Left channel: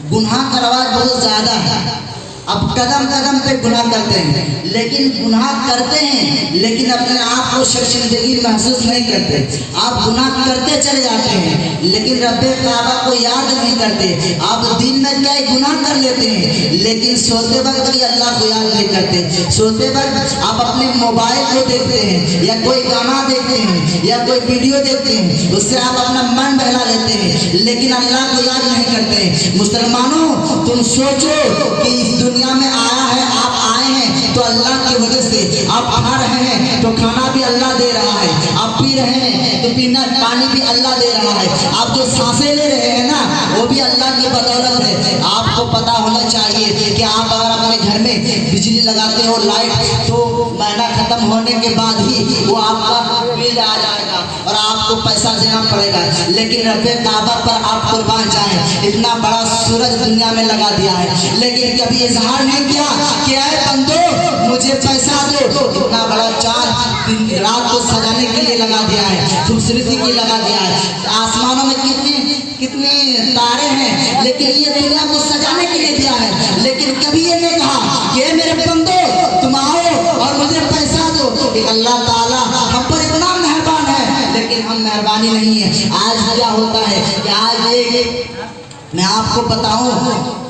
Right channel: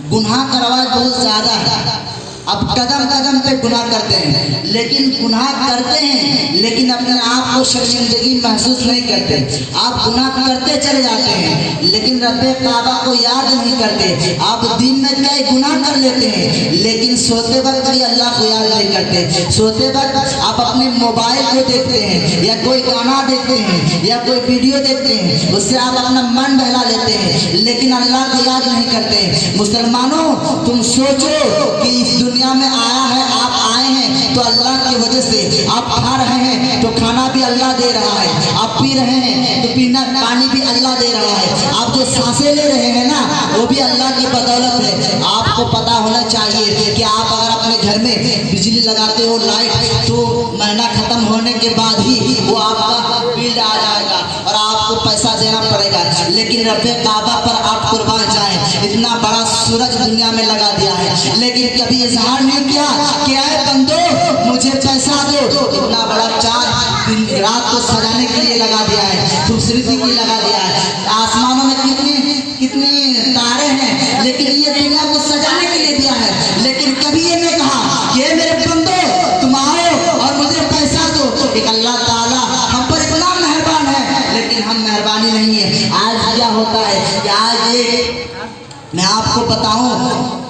गुनाह का रवाज बहुत ज्यादा है। अब कदम कदम पे गुनाह करते हैं, लेकिन गुनाह करते हैं लेकिन अपने आप को शर्मिंदगी महसूस नहीं करते। आप गुनाह करते चले जाते हैं लेकिन रब्बे काबा को याद नहीं करते। आप दिन में कई गुनाह कर लेते हैं लेकिन सोते वक्त भी अल्लाह को याद नहीं करते। सोते वक्त आप अपने मोबाइल को देखते हैं या कोई गाना देखते हैं या कोई वीडियो देखते हैं, उससे आप अपना मन बहला लेते हैं लेकिन अल्लाह को याद नहीं करते। मुसलमानों, तुम सोचो कि इस दुनिया में आया है, आप आए हैं तो अल्लाह की वजह से। आप खा रहे हैं तो खाना भी अल्लाह दे रहा है, आप पी रहे हैं तो पीना पानी भी अल्लाह दे रहा है, आप जो सांसें ले रहे हैं ना वो भी अल्लाह की बदौलत है। आपको पता होना चाहिए कि आप अगर अपने घर में बिजली लगाते हो, लाइट, तो महीना खत्म होने के बाद ही वो आपका बिल आ जाएगा और आपको पैसा देना पड़ेगा। लेकिन रब्बे काबा पर आप कुर्बान जाएं, इतना बड़ा सूरज दुनिया में लगा दिया है लेकिन कभी इजहार नहीं किया कि ऐ बंदो मुझे पैसा दो। इतना बड़ा चांद दिन रात को सजाने के लिए लगा दिया है, खूबसूरती के लगा दिया है। आसमानों में कितने तारे हैं लेकिन ये दुनिया को सजाने के लिए दिया है। लेकिन कभी ये नहीं कहा कि मेरे बंदो तुम आओ और मुझे पैसा दो। अल्लाह ताला हम पर इतना मेहरबान है लेकिन हम मेहरबानी नहीं है। आज क्या होता है कि आज मैं आपको बताऊं,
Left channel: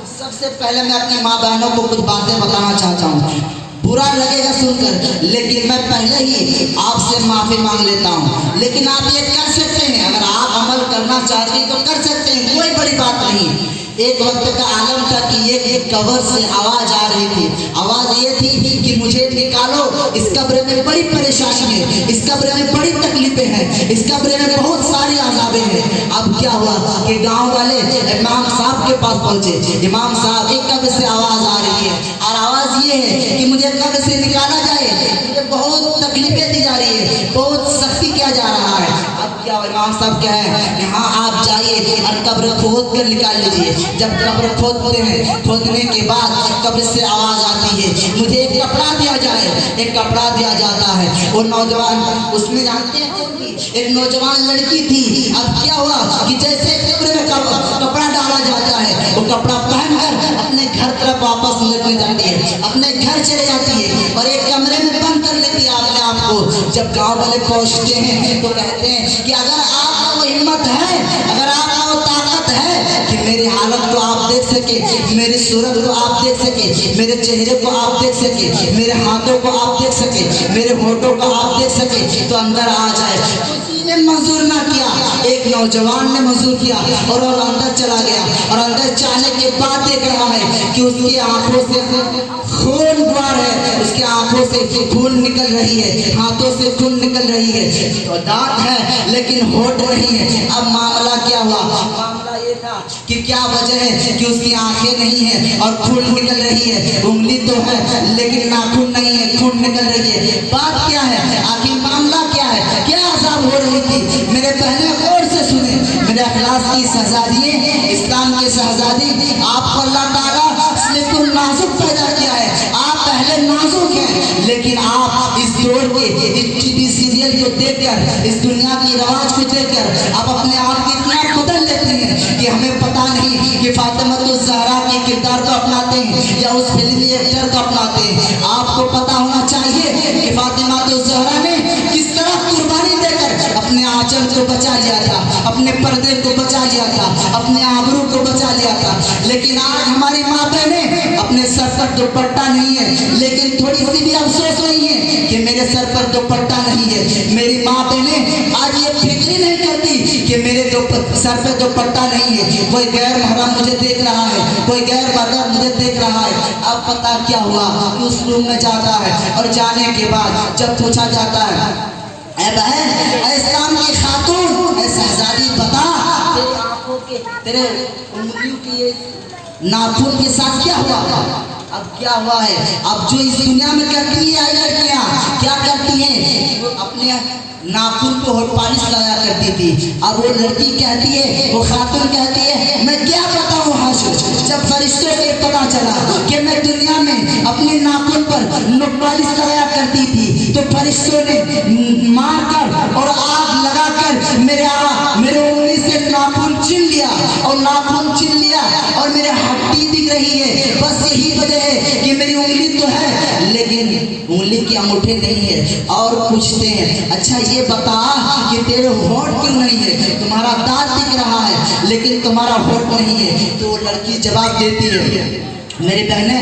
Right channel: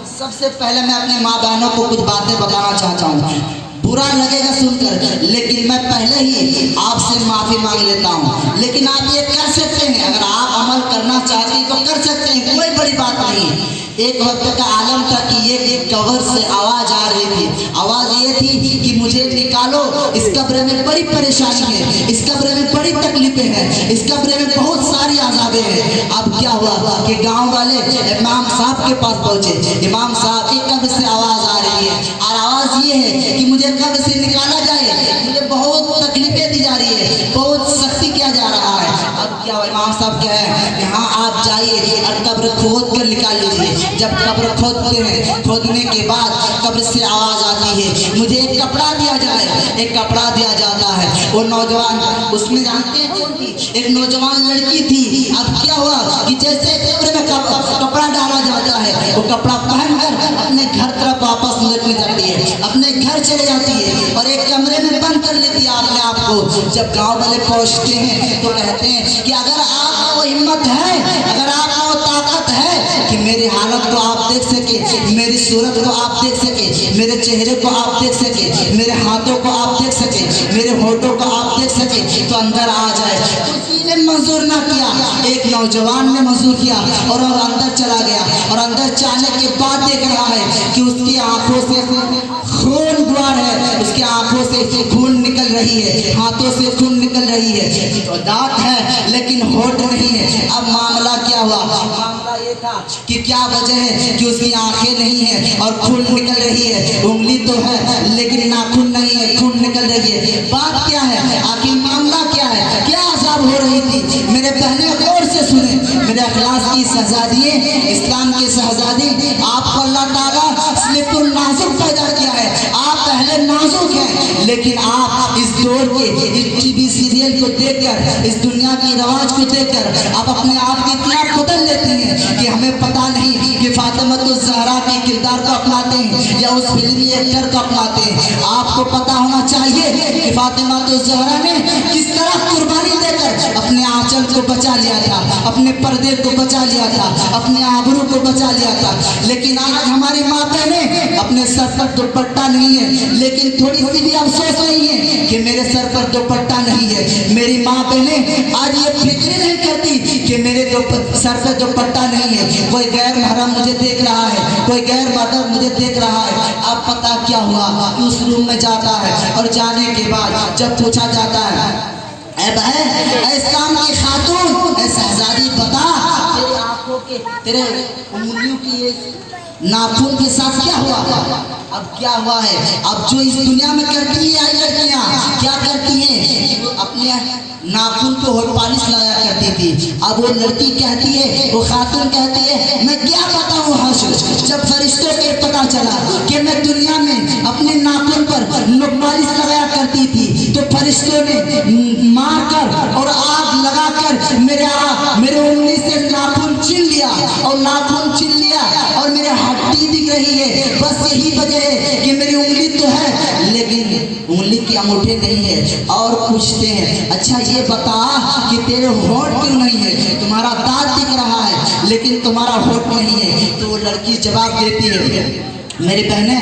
सबसे पहले मैं अपनी माँ बहनों को कुछ बातें बताना चाहता हूँ। बुरा लगेगा सुनकर लेकिन मैं पहले ही आपसे माफ़ी मांग लेता हूँ। लेकिन आप ये कर सकते हैं, अगर आप अमल करना चाहते हैं तो कर सकते हैं, कोई बड़ी बात नहीं। एक वक्त का आलम था कि ये कब्र से आवाज़ आ रही थी। आवाज़ ये थी कि मुझे निकालो, इस कब्र में बड़ी परेशानी है, इस कब्र में बड़ी तकलीफें हैं, इस कब्र में बहुत सारी आज़ाबें हैं। अब क्या हुआ कि गांव वाले इमाम साहब के पास पहुंचे। इमाम साहब, एक कब्र से आवाज़ आ रही है और आवाज़ ये है कि मुझे कब्र से निकाला जाए, मुझे बहुत तकलीफें दी जा रही है, बहुत सख्ती किया जा रहा है। अब क्या इमाम साहब क्या है, हाँ आप जाइए और कब्र खोद कर निकाल लीजिए। जब कब्र खोदते हैं, खोदने के बाद कब्र से आवाज़ आती है मुझे एक कपड़ा दिया जाए। एक कपड़ा दिया जाता है। वो नौजवान, उसमें जानते हैं कौन थी? एक नौजवान लड़की थी। अब क्या हुआ कि जैसे कब्र में कपड़ा डाला जाता है, वो कपड़ा पहनकर अपने घर तरफ वापस लौटने जाती है, अपने घर चले जाती है और एक कमरे में बंद कर लेती है अपने आप को। जब गाँव वाले पहुँचते हैं तो कहते हैं कि अगर आपको हिम्मत है, अगर आपको ताकत है कि मेरी हालत को आप देख सके, मेरी सूरत को आप देख सके, मेरे चेहरे को आप देख सके, मेरे हाथों को आप देख सके, मेरे होठों को आप देख सके, तो अंदर आ जाए। तो किसी ने मंजूर ना किया, एक नौजवान ने मंजूर किया और अंदर चला गया। और अंदर जाने के बाद देख रहा है कि उसकी आंखों से खून द्वार है, उसकी आंखों से खून निकल रही है, हाथों से खून निकल रही है, तो दांत है लेकिन होठ नहीं है। अब मामला क्या हुआ? मामला ये था कि क्या वजह है कि उसकी आंखें नहीं है और खून निकल रही है, उंगली तो है लेकिन नाखून नहीं है, खून निकल रही है। बात क्या है, आखिर मामला क्या है, क्या आज़ाब हो रही थी? मेरे बहने गौर से सुने, मेरे अखलास की शहजादी, इस्लाम के शहजादी, आपको अल्लाह ताला इसलिए नाजुक पैदा किया है। आप पहले नाजुक हैं लेकिन आप इस दौर के इस टीवी सीरियल को देखकर, इस दुनिया की रवाज को देखकर आप अपने आप को इतना बदल लेते हैं कि हमें पता नहीं कि फातिमातुज़ ज़हरा के किरदार को अपनाते हैं या उस फिल्मी एक्टर को अपनाते हैं। आपको पता होना चाहिए कि फातिमातुज़ ज़हरा ने किस तरह कुर्बानी देकर अपने आंचल को बचा लिया था, अपने पर्दे को बचा लिया था, अपने आबरू को बचा लिया था। लेकिन आज हमारी माँ बहनें, अपने सर पर दुपट्टा नहीं है लेकिन थोड़ी सी भी अफसोस नहीं है कि मेरे सर पर दुपट्टा नहीं है। मेरी माँ बहनें आज ये फिक्र नहीं करती कि मेरे सर पे दुपट्टा नहीं है, कोई गैर महरम मुझे देख रहा है, कोई गैर मर्द मुझे देख रहा है। अब पता क्या हुआ कि उस रूम में जाता है और जाने के बाद जब पूछा जाता है, ऐ बहन, इस्लाम की खातून, ऐ शहजादी, बता तेरी आंखों के, तेरे उंगलियों की नाखून के साथ क्या हुआ? अब क्या हुआ है? अब जो इस दुनिया में करती है लड़कियां क्या करती हैं, वो अपने नाखून पे होठ पॉलिश लगाया करती थी। अब वो लड़की कहती है, वो खातून कहती है, मैं क्या बताऊँ हर्ष, जब फरिश्तों को पता चला कि मैं दुनिया में अपने नाखून पर नोट पॉलिश लगाया करती थी तो फरिश्तों ने मार कर और आग लगाकर मेरे उंगली से नाखून छीन लिया और नाखून छीन लिया और मेरे हम उठे नहीं है और पूछते हैं, अच्छा ये बता कि तेरे होठ क्यों नहीं है? तुम्हारा दांत दिख रहा है लेकिन तुम्हारा होठ नहीं है। तो लड़की जवाब देती है, मेरी बहनें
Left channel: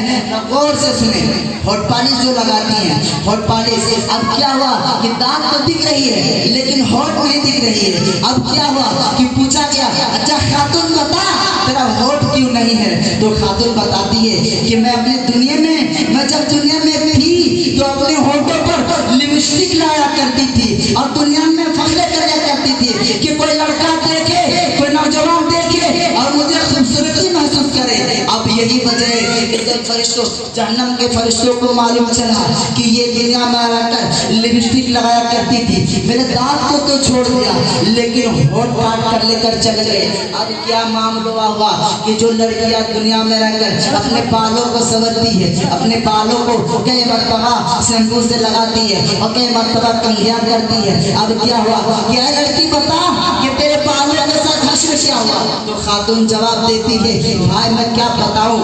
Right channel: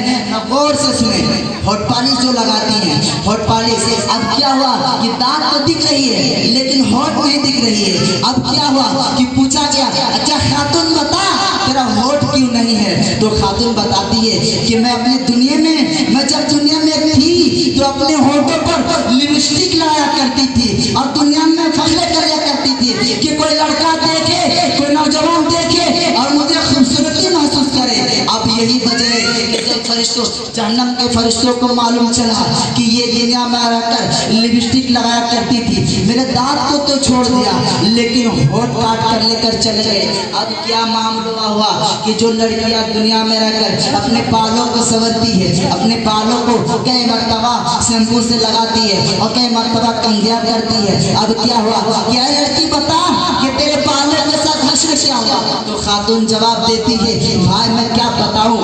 गौर से सुने, होठ पॉलिश जो लगाती हैं, होठ पॉलिश, अब क्या हुआ कि दांत तो दिख रही है लेकिन होठ नहीं दिख रही है। अब क्या हुआ कि पूछा गया, अच्छा खातून बता तेरा होठ क्यों नहीं है? तो खातून बताती है कि मैं अपने दुनिया में, मैं जब दुनिया में थी तो अपने होठों पर लिपस्टिक लगाया करती थी और दुनिया में फखरे करया करती थी कि कोई लड़का देखे, कोई नौजवान देखे और मुझे खूबसूरती महसूस करे। अब यही वजह है कि जब फरिश्तों, जहन्नम के फरिश्तों को मालूम चला कि ये दुनिया में रहकर लिपस्टिक लगाया करती थी, मेरे दांत को तो छोड़ दिया लेकिन होठ काट कर लेकर चले गए। अब क्या मामला हुआ कि जो लड़कियां दुनिया में रहकर अपने बालों को संवरती है, अपने बालों को कई मर्तबा शैम्पू से लगाती है और कई मर्तबा कंघिया करती है। अब क्या हुआ, क्या लड़की बता कि तेरे बालों के साथ हश्र क्या हुआ? तो खातून जवाब देती है, भाई मैं क्या बताऊं,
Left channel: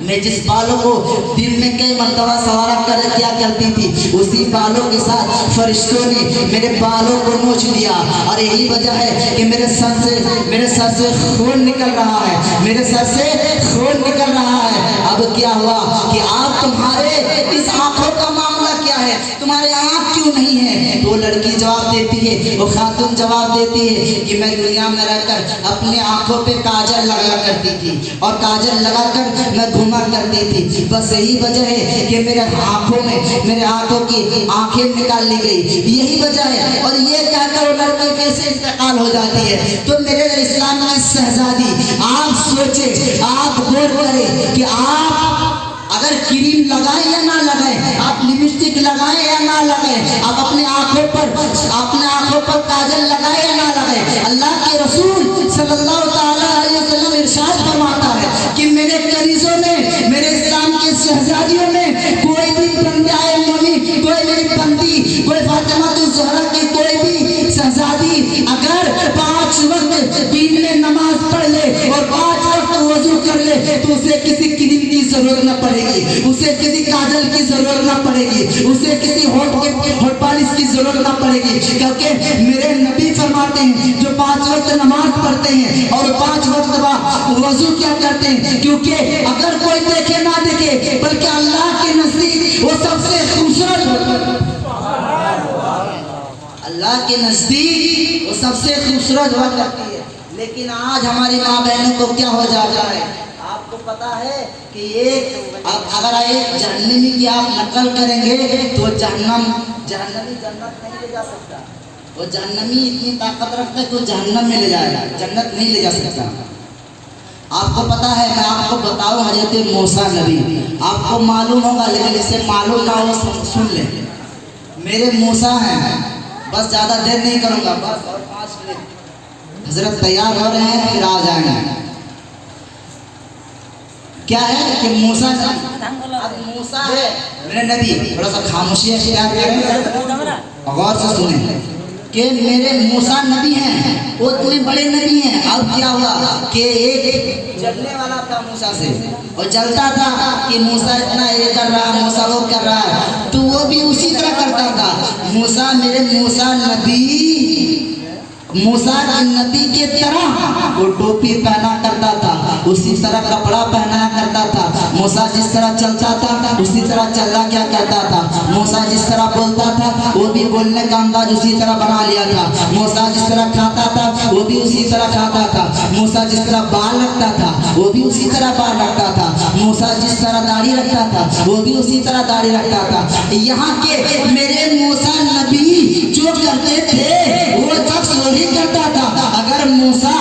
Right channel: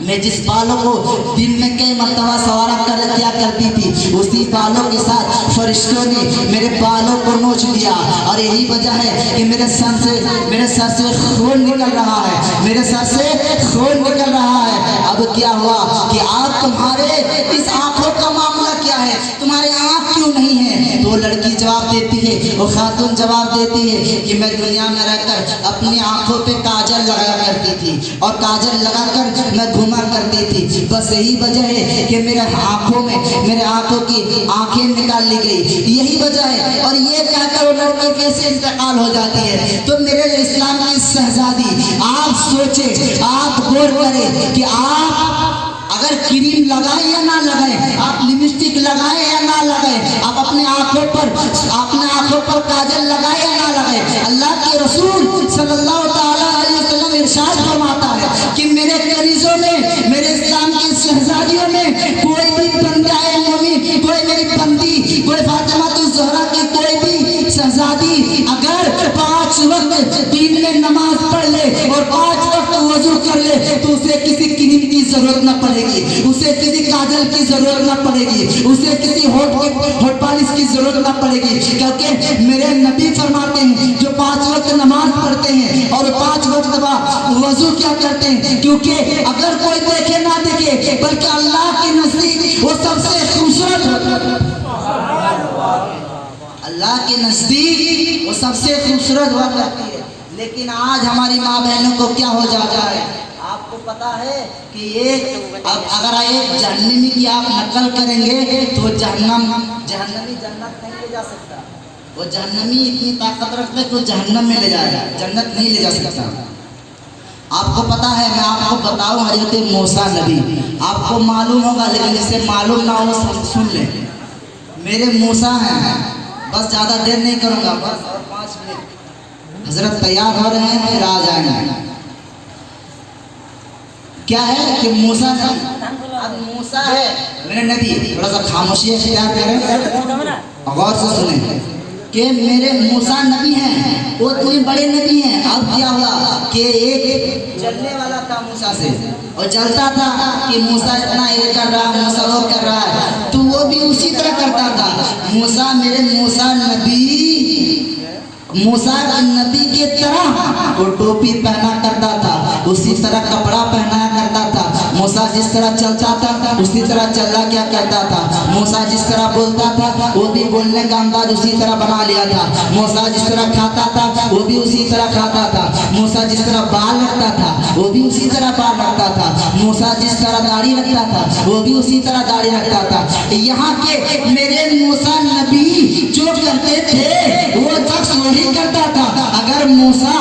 मैं जिस बालों को दिन में कई मर्तबा सवारा कर किया करती थी, उसी बालों के साथ फरिश्तों ने मेरे बालों को नोच दिया और यही वजह है कि मेरे सर से खून निकल रहा है, मेरे सर से खून निकल रहा है। अब क्या हुआ कि आप, तुम्हारे इस आंखों का मामला क्या है, तुम्हारे आंख क्यों नहीं है? तो लड़की जवाब देती है, वो खातून जवाब देती है कि मैं दुनिया में रहकर अपनी आंखों पे काजल लगाया करती थी और काजल लगाकर मैं घूमा करती थी, बस यही वजह है कि मेरे आंखों की आंखें निकाल ली गई, यही वजह है। और ये कहकर वो लड़के कैसे इंतकाल हो जाती है। तो मेरे इस्लाम की शहजादी, आप सोचे, आप गौर करें कि आप अगर क्रीम लगाए या ना लगाए, आप लिपस्टिक लगाए या ना लगाए, आप अपने आंखों पर काजल लगाए या ना लगाए, अल्लाह के रसूल सल्लल्लाहु ताला अलैहि वसल्लम इरशाद फरमाता है कि मेरे कनीजों में, मेरे इस्लाम की शहजादियों में कोई भी बंदा है मोमिन, कोई मेरी बंदी, कोई फातिमा ज़हरा की कोई भी शहजादी अगर 5 वक्त दिन में नमाज पढ़ ले और 5 वक्त वजू कर ले तो उसे किसी क्रीम की जरूरत न पड़ेगी, उसे किसी काजल की जरूरत न पड़ेगी, उसे किसी होठ पॉलिश की जरूरत न पड़ेगी, क्योंकि मेरे नबी फरमाते हैं जो 5 वक्त नमाज पढ़ते हैं और 5 वक्त वजू क्या करते हैं, क्योंकि अगर कोई देखे ना देखे बल्कि अल्लाह के नजदीक वो सबसे खूबसूरत, अल्लाह के नजदीक वो सबसे खूबसूरत हुआ करती है। लेकिन आज हमारी माँ बहनों को क्या हो जाता है, आपको पता है कि अगर एक जहन्नमी की आप नकल करेंगे तो जहन्नमी जन्नत नहीं ले जा सकता, वो जहन्नमी इतनी ताकत रखते तो जहन्नम में ले जाएगा, जन्नत नहीं ले जा सकता। आपको पता है, मैं आपको बताऊं, हज़रत मूसा नबी, आपको मालूम होगा लेकिन इसे मालूम ना हो सुन ले, मेरे मूसा हैं, बस ज़्यादा देर नहीं करूँगा, बस और 5 मिनट। हजरत तैयार हो रहे हैं, फिर आ जाएंगे। क्या है कि मूसा, अब मूसा है मेरे नबी, थोड़ा सा खामोशी इख्तियार करें, गौर से सुने कि मेरे मूसा नबी हैं, वो इतने बड़े नबी हैं। अब क्या हुआ कि एक जलने वाला था मूसा से, और जलता था कि मूसा इतना ये कर रहा है, मूसा वो कर रहा है, तो वो भी उसी तरह करता था। मूसा, मेरे मूसा नबी के तरह वो टोपी पहना करता था, उसी तरह कपड़ा पहना करता था। मूसा जिस तरह चलता था उसी तरह चलना क्या करता था। मूसा जिस तरह बोलता था वो भी बोलने का अंदाज उसी तरह बना लिया था। मूसा जिस तरह खाता था वो भी उसी तरह खाता था। मूसा जिस तरह बाल रखता था वो भी उसी तरह बाल रखता था। मूसा जिस तरह दाढ़ी रखता था वो भी उसी तरह दाढ़ी रखता था। यहाँ के मेरे मूसा नबी जो करते थे वो शख्स वही करता था। अगर मूसा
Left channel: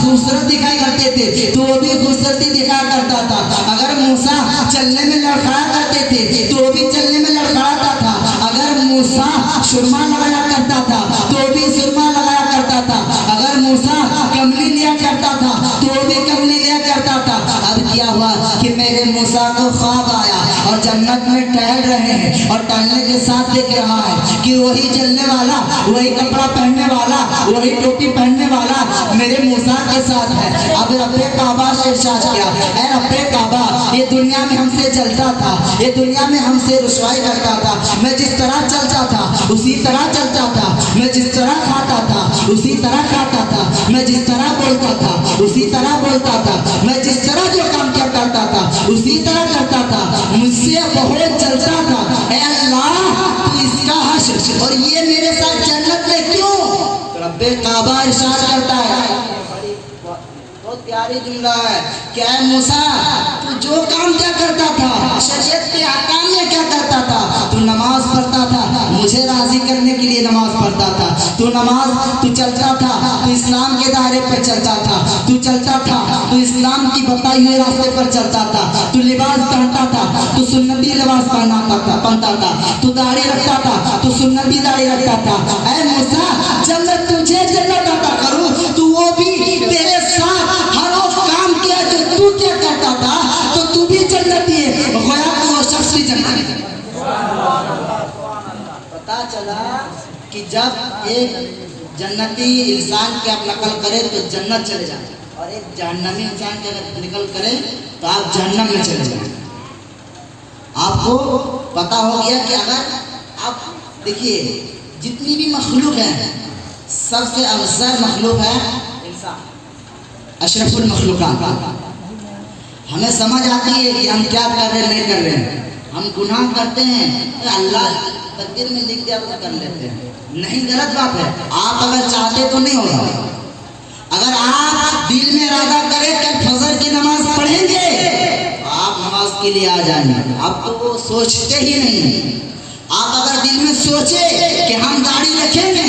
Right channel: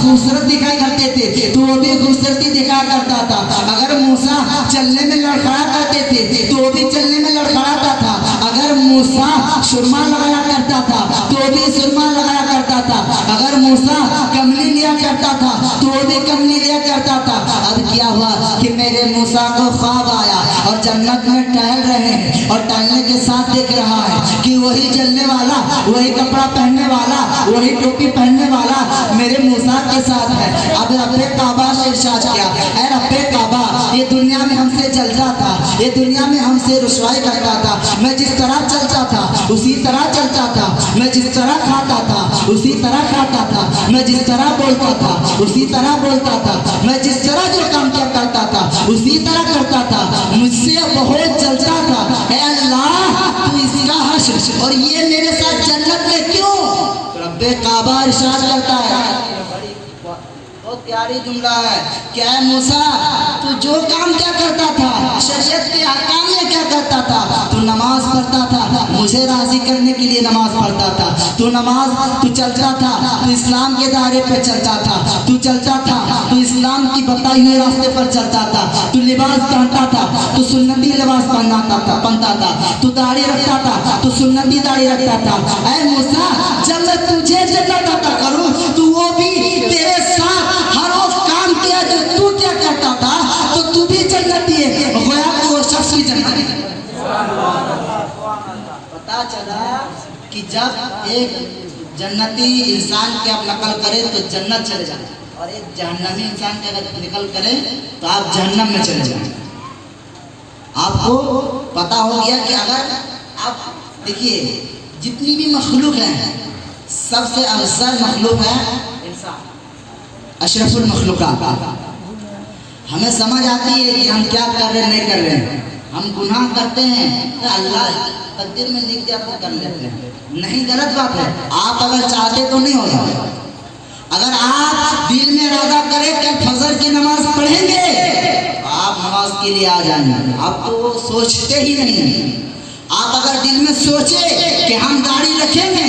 खूबसूरत दिखा करते थे तो वो भी खूबसूरती दिखा करता था। अगर मूसा चलने में लड़खड़ा करते थे तो वो भी चलने में लड़खड़ाता था। अगर मूसा सुरमा लगाया करता था तो वो भी सुरमा लगाया करता था। अगर मूसा कमली लिया करता था तो वो भी कमली लिया करता था। अब क्या हुआ कि मेरे मूसा को ख्वाब आया और जन्नत में टहल रहे हैं और टहलने के साथ देख रहा है कि वही चलने वाला, वही कपड़ा पहनने वाला, वही टोपी पहनने वाला मेरे मूसा के साथ है। अब रब्बे काबा ने इरशाद किया, ऐ रब्बे काबा, ये दुनिया में हमसे जलता था, ये दुनिया में हमसे रुसवाई करता था, इरशाद करता है, बड़ी बहुत प्यारी जुमला है, क्या है मूसा तू जो काम क्या करता था, शरीयत के अहकाम में क्या करता था, तू नमाज पढ़ता था, मुझे राजी करने के लिए नमाज पढ़ता था, तू चलता था, तू इस्लाम के दायरे पर चलता था, तू चलता था, तू इस्लाम की बताई हुए रास्ते पर चलता था, तू लिबास पहनता था, तू सुन्नती लिबास पहनता था, तू दाढ़ी रखता था, तू सुन्नती दाढ़ी रखता था। ऐ मूसा जब मैं तुझे जन्नत अता करूं तो वो भी तेरे साथ हर वो काम किया जो तू क्या करता था, तो तू भी जन्नती है, गोया वो शख्स भी जन्नती है। पता चला कि जब एक जन्नती इंसान की आप नकल करें तो जन्नत चले जाए, और एक जहन्नमी इंसान की अगर नकल करें तो आप जहन्नम में चले जाए। आपको पता हो गया कि अगर आप देखिए जितनी भी मखलूक है, सबसे अफजल मखलूक है इंसान, अशरफुल मखलूकात। हमें समझ आती है कि हम क्या कर रहे हैं नहीं कर रहे हैं, हम गुनाह करते हैं तो अल्लाह तकदीर में लिख दिया तो कर लेते हैं, नहीं गलत बात है। आप अगर चाहते तो नहीं होगा, अगर आप दिल में इरादा करें कि फजर की नमाज पढ़ेंगे आप नमाज के लिए आ जाएंगे, आप तो वो सोचते ही नहीं। आप अगर दिल में सोचे कि हम दाढ़ी रखेंगे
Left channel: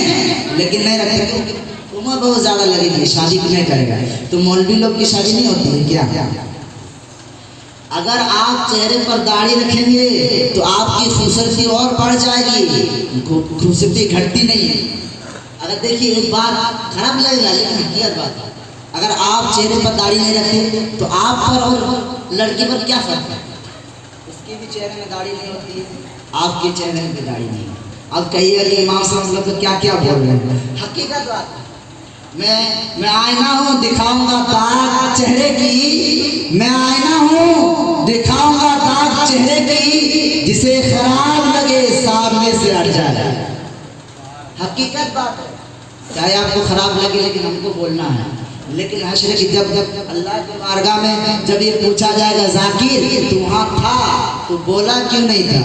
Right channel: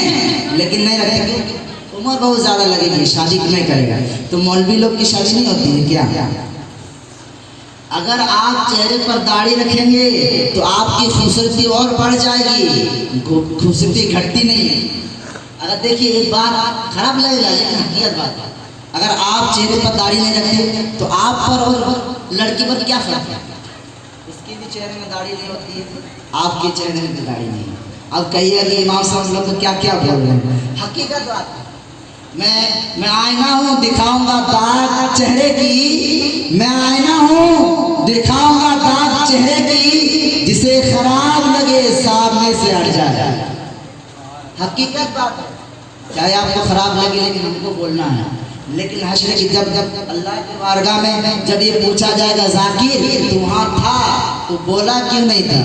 लेकिन नहीं रखेंगे, उम्र बहुत ज्यादा लगेगी, शादी नहीं करेगा, तो मौलवी लोग की शादी नहीं होती है क्या? अगर आप चेहरे पर दाढ़ी रखेंगे तो आपकी खूबसूरती और बढ़ जाएगी, खूबसूरती घटती नहीं। अगर देखिए एक बात खराब लगेगा लेकिन हकीकत बात है, अगर आप चेहरे पर दाढ़ी नहीं रखते तो आप पर और लड़की पर क्या फर्क है? उसके भी चेहरे में दाढ़ी नहीं होती है, आपके चेहरे में भी दाढ़ी नहीं है। अब कहिएगा कि इमाम साहब लोग क्या क्या बोल रहे हैं, हकीकत बात है। मैं आईना हूँ दिखाऊंगा दाग चेहरे की, मैं आईना हूँ दिखाऊंगा दाग चेहरे की, जिसे खराब लगे सामने से हट जाए। हकीकत बात है, चाहे आपको खराब लगे लेकिन हमको बोलना है। लेकिन हश्र की जब अल्लाह के बारगाह में जब ये पूछा जाएगा जाकिर तू वहाँ था तो बोला क्यों नहीं था?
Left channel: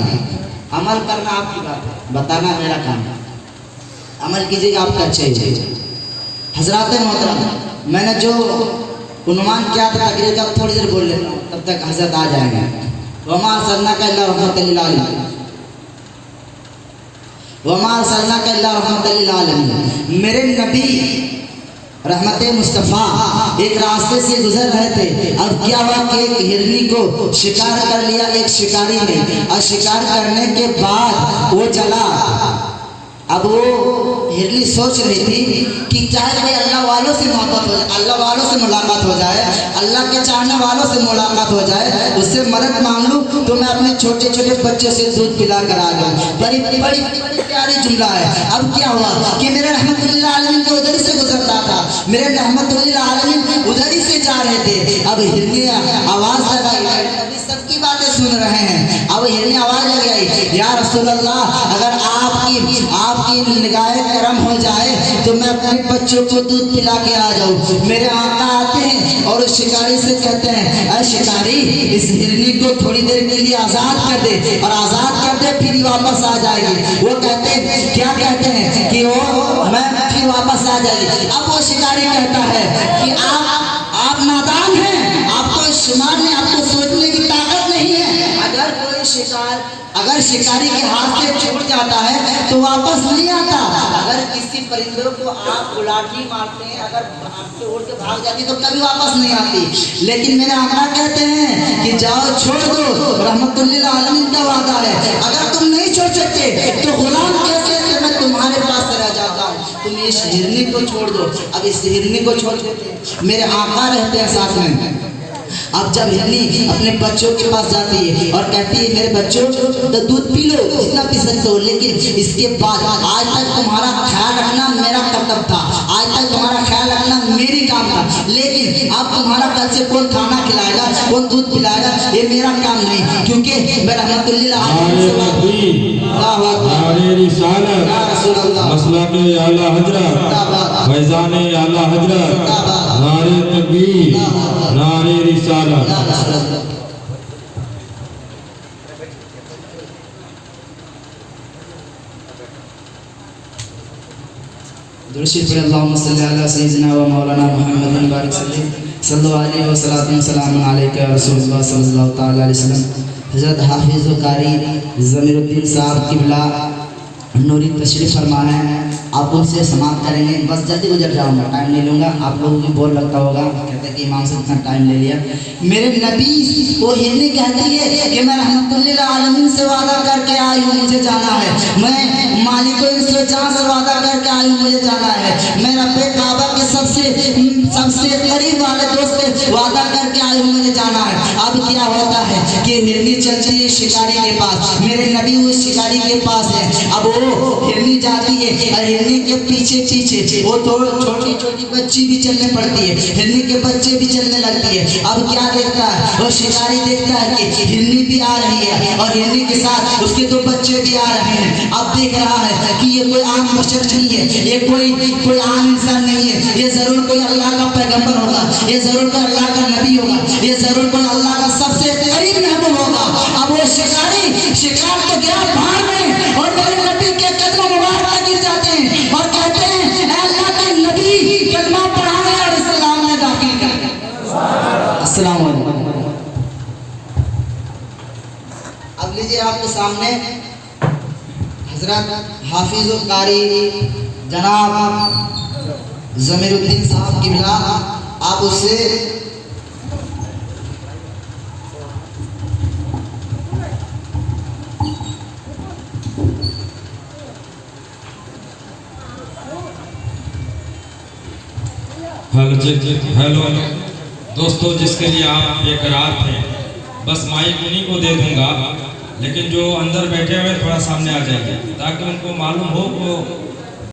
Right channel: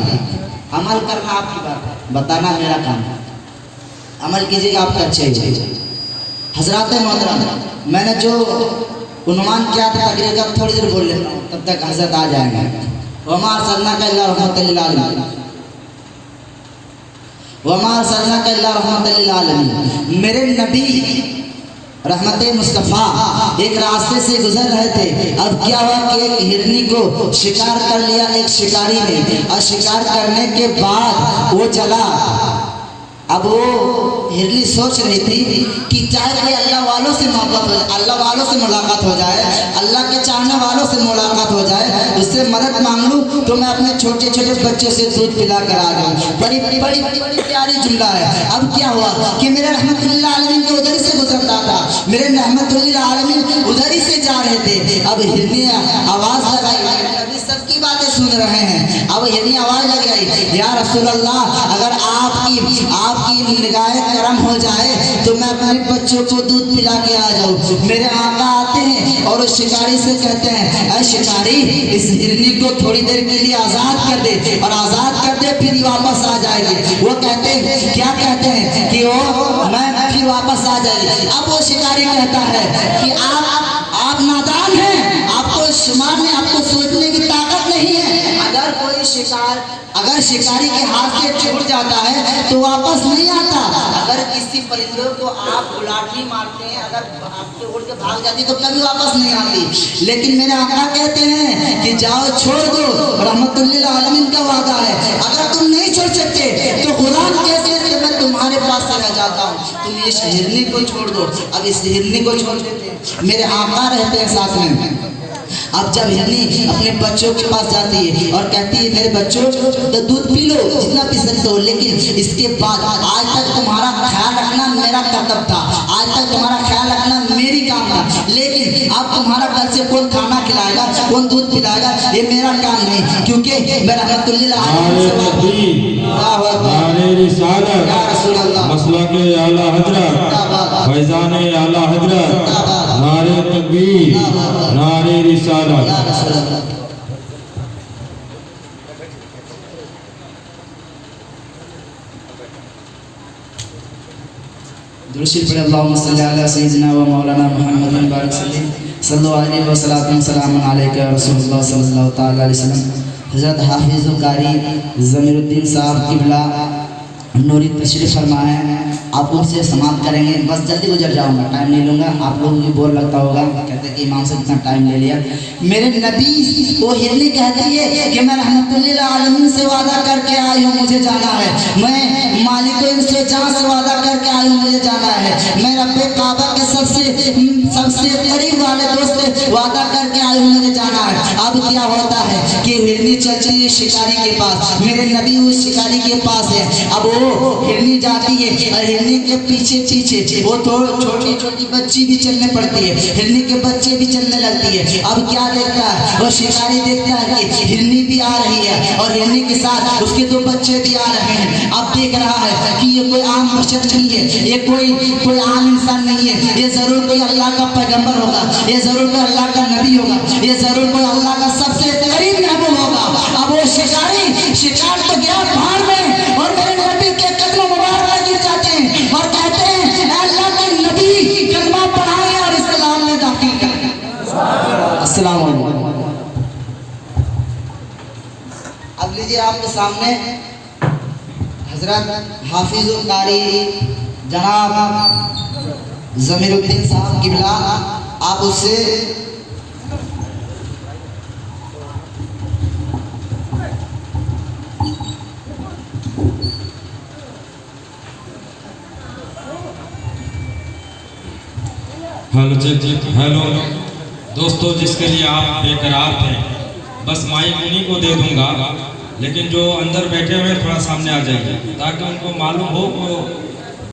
अमल करना आपकी बात है, बताना मेरा काम है, अमल कीजिएगा आपका अच्छे। हजरात मोहतरम, मैंने जो उन्वान किया था तकरीर का थोड़ी देर बोल लेता हूँ, तब तक हजरत आ जाएंगे। वमा सल्लल्लाहु अलैहि रहमतुल लिल आलमीन, वमा सल्लल्लाहु अलैहि रहमतुल लिल आलमीन। मेरे नबी रहमत मुस्तफ़ा एक रास्ते से गुजर रहे थे, और क्या हुआ कि एक हिरनी को शिकार कर लिया एक शिकारी ने, और शिकार करने के बाद वो चला। अब वो हिरनी सोच रही थी कि चाहे कोई अल्लाह वालों से मोहब्बत हो जाए, अल्लाह वालों से मुलाकात हो जाए, अल्लाह के चाहने वालों से मुलाकात हो जाए, उससे मदद मांग लूँ तो मैं अपने छोटे छोटे बच्चों से दूध पिला कर आ जाऊँ। बड़ी बड़ी बड़ी प्यारी जुमला है। अब क्या हुआ कि मेरे रहमतुल्लिल आलमीन के उधर से गुजरता था, मेरे रहमतुल्लिल आलमीन उधर ही से जा रहे थे। अब हिरनी आवाज़ लगाई, अभी सबकी बातें सुन रहे हैं। अब हिरनी आवाज़ लगाई, या रसूल अल्लाह अगर आपकी निगाहे करम हो जाए तो मैं अपने बच्चों को दूध पिला के आ जाऊँ। मेरे आका आते हैं और उस शिकारी से कहते हैं, अरे शिकारी इस हिरनी को थोड़ी देर के लिए आज़ाद कर दे, और आज़ाद कर दे फिर वापस आ जाएगी। वो कहते हैं क्या कहते हैं कि वो मैं फिर वापस आ जाएगी। अब वो शिकारी कहता है कि आप नादान हैं, आपको शुमार में आपको सोचने की ताकत नहीं है। अगर शिकारी के हाथ से छूट जाता है तो वापस नहीं आता। अगर किसी परिंदों को आप गुलाटी मारते हैं, अगर आपसे उड़ के भाग जाती तो कभी वापस नहीं आती। लेकिन मेरे आका कहते हैं कि जाओ छोड़ दो, रहमतुल्लिल आलमीन का वादा है, अगर तुम नहीं छोड़ सकते तो गुलाम कैसे कि मैं तुम्हारे पास चला जाता हूँ, तुम इस हिरनी को छोड़ दो। अब इस हिरनी को छोड़ देते हैं, मेरे आका रहते हैं साथ में। अब जब हिरनी अपने बच्चों के पास जाती है और कहती है मेरे बच्चों तो दूध पी लो जितना पी सकते हो, लेकिन इसके बाद आज तक तुम्हारा ख्याल रखना मेरा कर्तव्य था, आज तक तुम्हारा ख्याल रखना मेरी काम था, लेकिन अब तुम्हारा कल से कौन खाना खिलाएगा, कौन दूध पिलाएगा, ये मेरा काम नहीं, क्योंकि मैं रहमतुल्लिल नारे तकबीर, नारे रिसालत। दुरूद तशरीफ अल्लाहुम्मा सल्ली अला सय्यिदिना व मौलाना मुहम्मद बारिक सल्लल्लाहु अलैहि वसल्लम सलाम अलैका या रसूलुल्लाह सल्लल्लाहु तआला अलैहि वसल्लम। हज़रत हाफिज़ कारी ज़मीरुद्दीन साहब किबला नूरी तशरीफ़ फरमा है, आप उनसे समाप्त करेंगे। बस जल्दी गुजर जाऊँगा, टाइम नहीं लूँगा। आप लोगों को बोर लगता होगा, कहते हैं कि इमाम से इतना टाइम ले लिया। मेरे नबी को हिरनी कहती है कि मैं रहमतुल्लिल आलमीन से वादा करके आई हूँ, मुझे जाना है। मैं मालिक इंस जहाँ से वादा करके आई हूँ, मुझे जाना है। मैं रब्बे काबा के सबसे करीब वाले दोस्त से वादा करके आई हूँ, मुझे जाना है। अब क्या होता है कि हिरनी चलती है शिकारी के पास, मेरे नबी उस शिकारी के पास है। अब वो हिरनी जाती है और हिरनी के पीछे पीछे वो तो छोटी छोटी बच्ची भी चलने पड़ती है, हिरनी के बच्चे भी चलने लगती है। अब क्या देखता है वो शिकारी, देखता है कि हिरनी भी आ रही है और हिरनी के साथ उसके दो बच्चे भी आ रहे हैं। अब देख रहा है कि ये कोई आम बशर नहीं है, ये कोई आम इंसान नहीं है, ये जरूर कोई अल्लाह का पैगंबर होगा, ये जरूर कोई अल्लाह का नबी होगा, ये जरूर कोई अल्लाह का सबसे करीब महबूब होगा। अब वो शिकार तो गया भाड़ में और मेरे नबी के कदमों मुबारक में गिर जाते हैं और कहते हैं अल्लाह के नबी कलमा पढ़ाएं और इस्लाम में दाखिल करें। अस्सलाम वालेकुम। अब लीजिए आपके सामने हजरत हाफिज़ुल कारी जनाब ज़मीरुद्दीन साहब किबला, आप उससे हेलो दोस्तों, जिसके लिए आप बेकरार थे, बस माइक उन्हीं को दे दूंगा, लेकिन जो अंदर बैठे हुए थोड़ा सामने आ जाएंगे ताकि उनको मालूम हो कि